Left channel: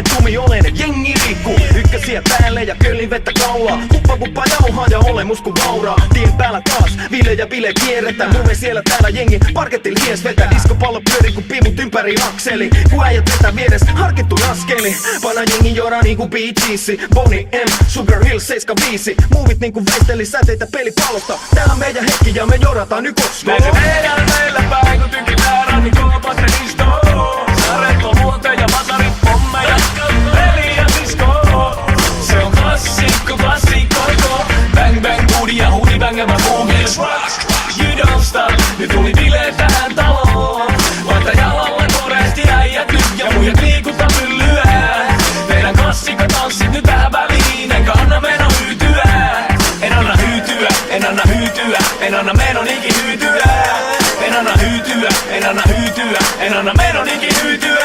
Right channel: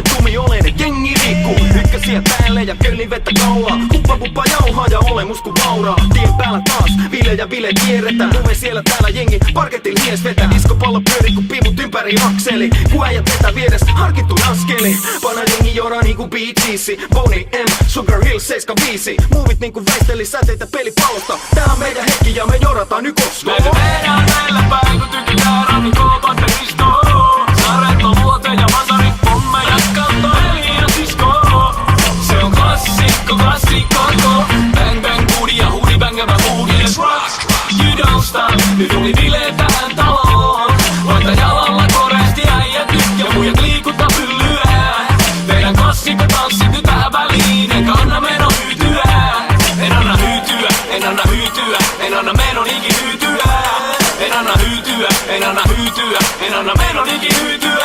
momentumi olen, et jengi liikkuu. Ykkösiä päälle ja köllin vettä kaulaa. Kuppa jauhaa ja olemus ku vauraa. Tien päällä taas, vile ja bile kierretään. Muve siellä täällä jengi, parkettil hies vetää. Diskopallo pyöri ku pimut ympäri akseli. Ku äijät vetää vierestä harkittuin askeli. Pana jengi joraa niinku Bee Geesi. Boney M, Sugar Hill 75. Muuvit niinku väisteli säteitä pelipallosta. Tää on meidän hetki ja me jorataan nyt koska. Me tehdään meille päin, kun tykitään rannikoon patteristoon. Saretto, luote ja matarit, pommeja, peli ja disko. Se on klassikko, klassikko. Bang bang booty ja hoodie bangävä boogie. You don't stop, nyt tuli bileet tähän taloon. Laita jalalla koreesti äijät nyt ja muijat liikuttaa pyllyä. Meidän klassikko tanssit nyt tähän väliin, enkä anna meno hyytyä. En anna hyytyä, en anna hyytyä, en anna menon iki hyytyä. En anna hyytyä, en anna hyytyä, en anna menon iki hyytyä.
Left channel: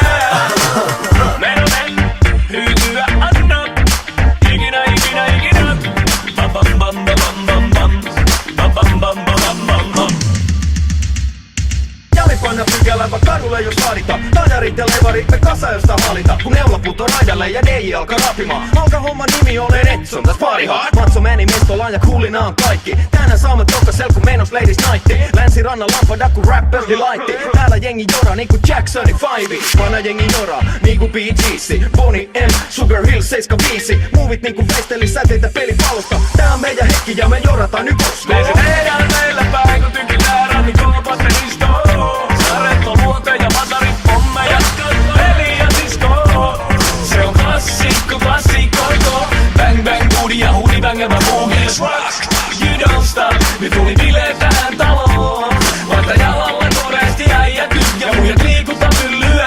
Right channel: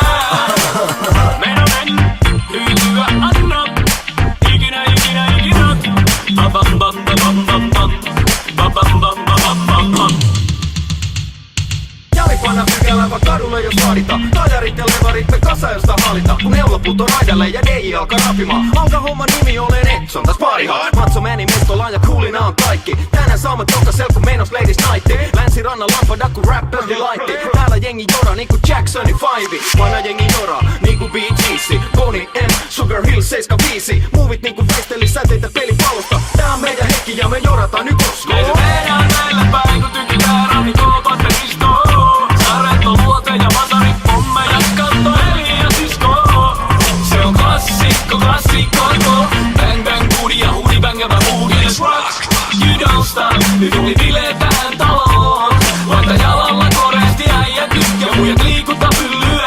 Menonen hyytyä anna, ikinä, ikinä, ikinä. Bam bam bam bam bam bam, bam bam bam bam bam bam. Jali panna pykälä vaan kadulle jos vaadita. Tajarit ja levarit me kasa josta halita. Kun neula puto raidalle ja DJ alkaa rapimaan. Alka homma nimi olen Edson, täs parihaa. Matso meni mestolaan ja kuulina on kaikki. Tänään saamme tokkasel kun menos ladies nightti. Länsirannan lampada kun rappers delightti. Täällä jengi joraa niinku Jacksoni 5. Vanha jengi joraa niinku Bee Geesi. Boney M, Sugar Hill 75. Muuvit niinku väisteli säteitä pelipallosta. Tää on meidän hetki ja me jorataan nyt koska. Me tehdään meille päin, kun tykitään rannikoon patteristoon. Saretto, luote ja matarit, pommeja, peli ja disko. Se on klassikko, klassikko. Bang bang booty ja hoodie bangävä boogie. You don't stop, nyt tuli bileet tähän taloon. Laita jalalla koreesti äijät nyt ja muijat liikuttaa pyllyä.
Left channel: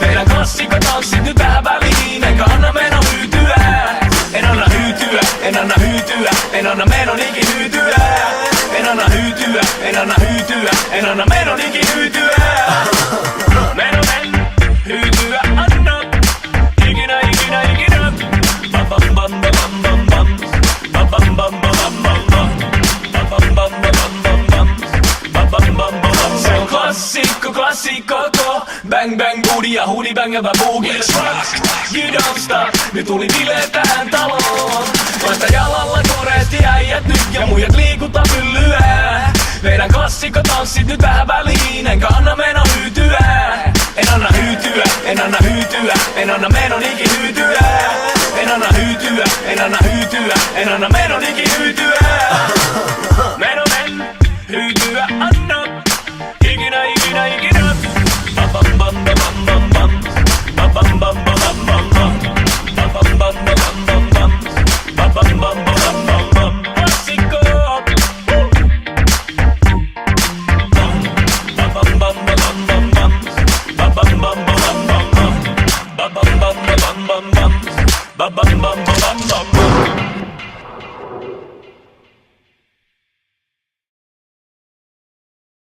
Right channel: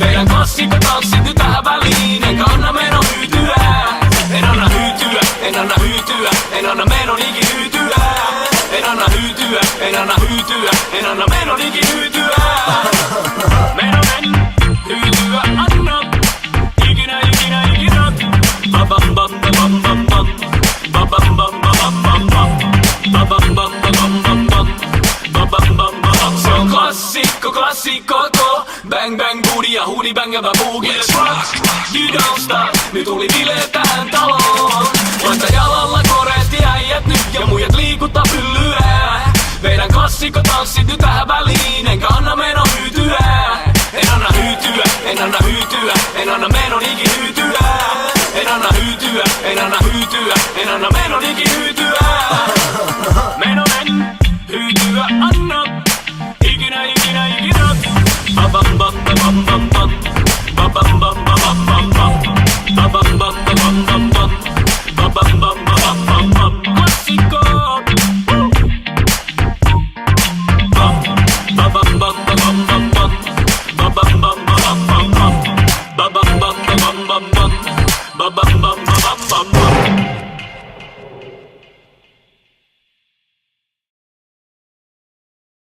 Meidän klassikko tanssit nyt tähän väliin, enkä anna meno hyytyä. En anna hyytyä, en anna hyytyä, en anna menon iki hyytyä. En anna hyytyä, en anna hyytyä, en anna menon iki hyytyä. Menonen hyytyä anna, ikinä, ikinä, ikinä. Bam bam bam bam bam bam, bam bam bam bam bam bam, bam bam bam bam bam bam, bam bam bam bam. Se on klassikko, klassikko. Bang bang booty ja hoodie bangävä boogie. You don't stop, nyt tuli bileet tähän taloon. Laita jalalla koreesti äijät nyt ja muijat liikuttaa pyllyä. Meidän klassikko tanssit nyt tähän väliin, enkä anna meno hyytyä. En anna hyytyä, en anna hyytyä, en anna menon iki hyytyä. En anna hyytyä, en anna hyytyä, en anna menon iki hyytyä. Menonen hyytyä anna.